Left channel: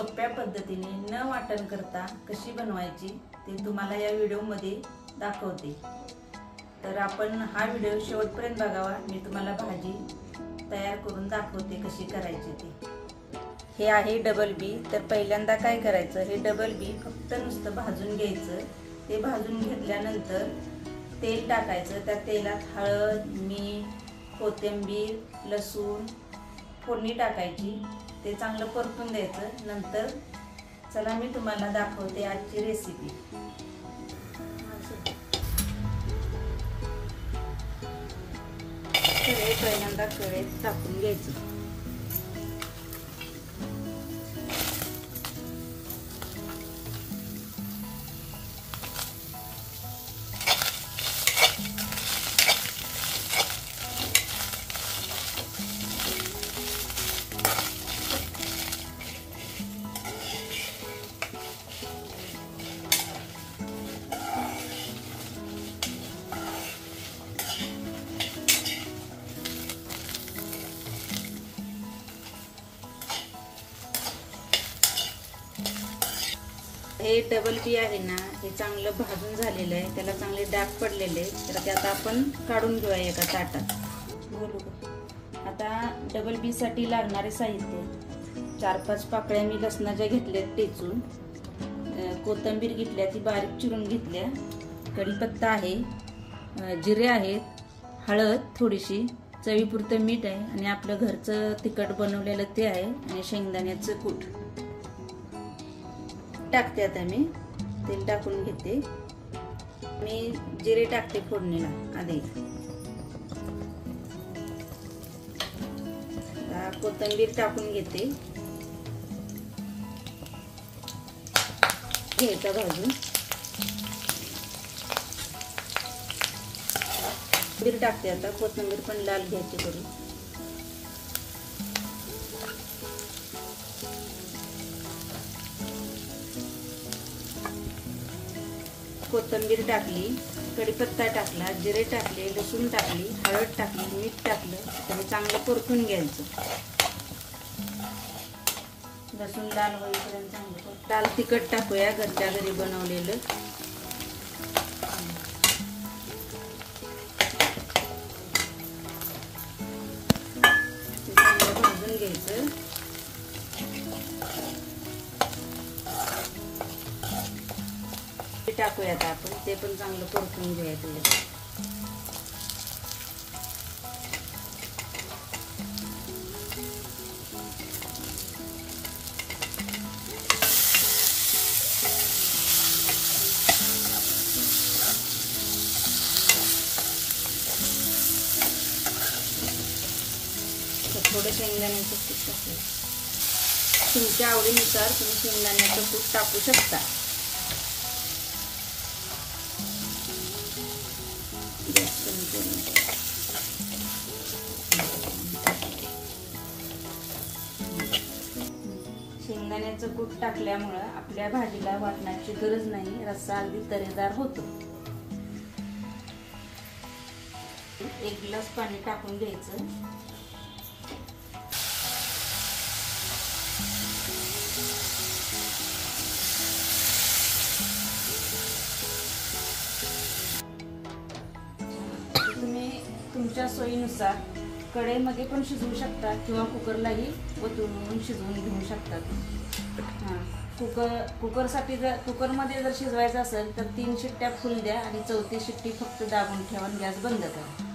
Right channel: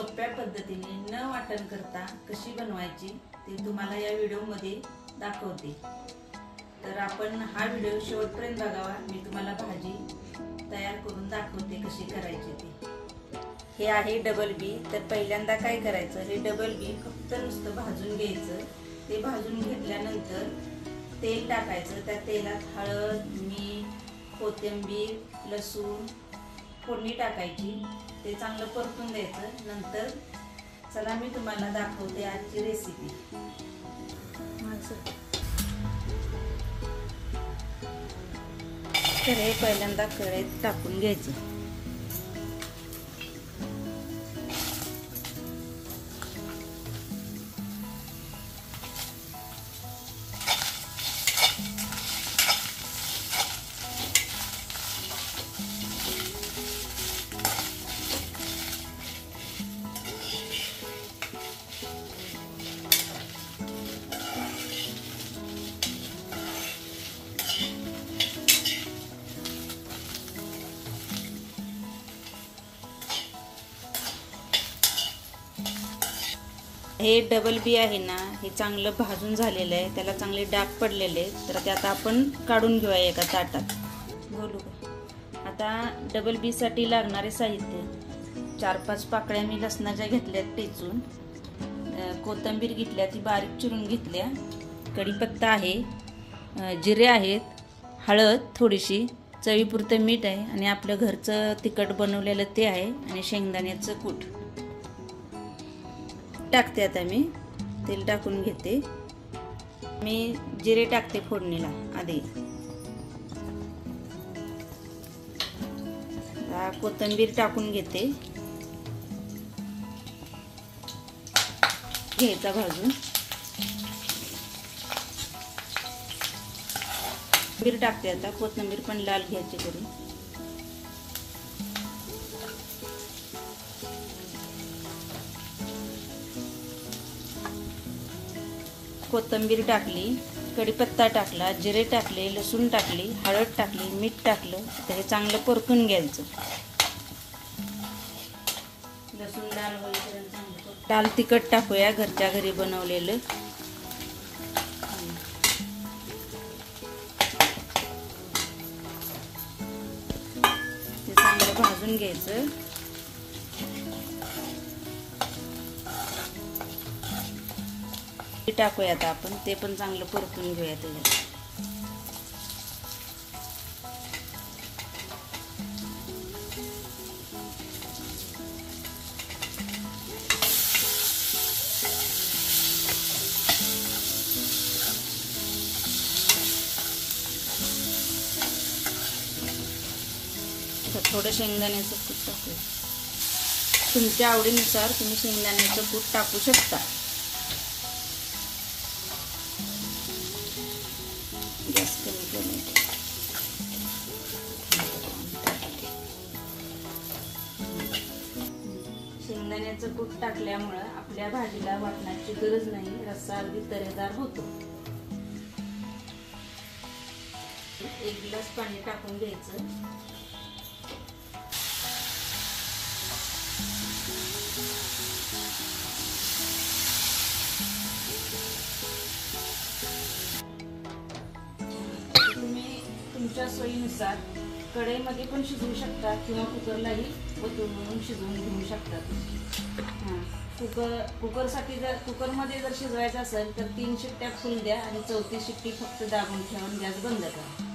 सोप्या पद्धतीने न वाटण करता कशी बनवायची ते तुम्हाला या व्हिडिओमध्ये दाखवते। तर आपण हा व्हिडिओ शेवटपर्यंत बघावा। मी तुम्हाला भाजी तयार करून दाखवते कशी करायची ते। हे आहे डबल बी। तर पहिल्यांदा काय करायचं, हे डबल बी फक्त नुसतं भाजून घ्यायचं। ते भाजून घेतल्यानंतर तेल टाकायचं। त्या तेलात हळद, मीठ, कोथिंबीर, लसूण फोडणी टाकायची। ते चांगलं परतून द्यायचं। नंतर चला मी तुम्हाला दाखवते आजची रेसिपी। तर हे पहिल्यांदा कढईत टाकून घ्यायचं। हे डबल बी आहे ना, हे चांगलं भाजून झालेलं आहे। त्याला चांगले डाग पडलेले। तर ते आता आपण काढून घेऊया एका ताटात। बोलू का आता डबल बी साठी लागणारे साहित्य, 4-5 पाकळ्या मी लसणाच्या घेतल्यात टेचून, कोथिंबीर घेतल्या ती बारीक चिरून घेतल्या, कढीपत्ता आहे, जिरे आहेत, हळद थोडीशी, चवीपुरतं मीठ आहे आणि आपलं घरचं तिखट बनवलेलं ते आहे आणि शेंगदाण्याचं कूट टाकते। आता मी तेल टाकून घेते। मी जिरे टाकते फोडणीला आधी। कोथिंबीर टाकून घेते, घ्यायचा भाजून। कोथिंबीर टाकते आता, कोथिंबीर पण लाल घ्यायची करून। कोथिंबीर टाकली, कढीपत्ता टाकला, जिरे टाकले, लसूण टाकली, हळद टाकली, मीठ टाकलं। तर हे चांगलं परतून घ्यायचं। लसूण लाल होईपर्यंत चांगलं। लाल तिखट टाकूया, घरच्या घरी बनवलेलं। चांगलं भाजून घ्यायचं। टाकूया आता आपण, ते पण चांगलं परतून घेऊया त्याला। थोडं शेंगदाण्याचं कूट टाकू, तुमच्या आवडीनुसार तुम्ही शेंगदाण्याचं कूट टाकू शकता। शेंगदाण्याचं कूट टाकल्यामुळे आपल्या भाजीला वाटण्याची गरज नाही, रस्सा अगदी तरेदार होतो। 1 ग्लास पाणी टाकून घ्यायचं। तुम्ही तुमच्या सोयीनुसार कढईमध्ये पण शिजवू शकता किंवा कुकरलाही वतून शिजवून घेऊ शकतात। कुकरसाठी जर कुकरमध्ये जर शिजवायचं असेल तर 3 शिट्ट्या फुल द्या आणि 4थी शिट्टी फक्त दाबून ठेवा, गॅस बंद करा।